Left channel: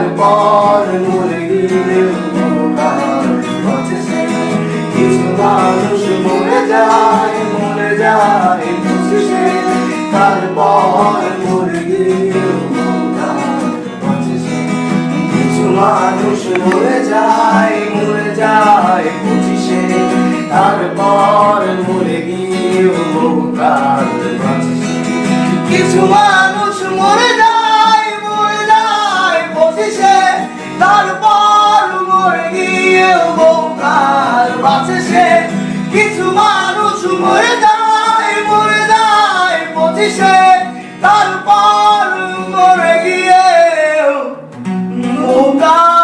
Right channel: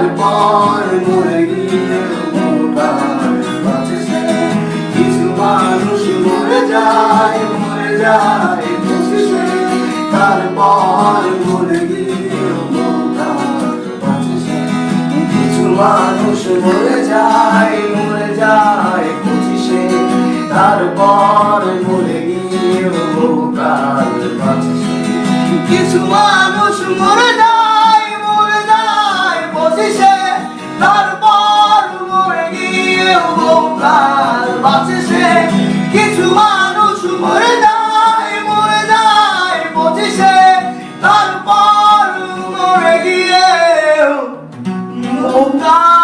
তারপর মরে গিয়ে বহুকাল বাঁচে সে। কিছু মানুষ মরে যায় বুঝি সে, তারপর মরে গিয়ে বহুকাল বাঁচে সে। কিছু মানুষ মরে যায় বুঝি সে, তারপর মরে গিয়ে বহুকাল বাঁচে সে। কিছু মানুষ মরে যায় বুঝি সে, তারপর মরে গিয়ে বহুকাল বাঁচে সে। কিছু মানুষ মরে যায় বুঝি সে, তারপর মরে গিয়ে বহুকাল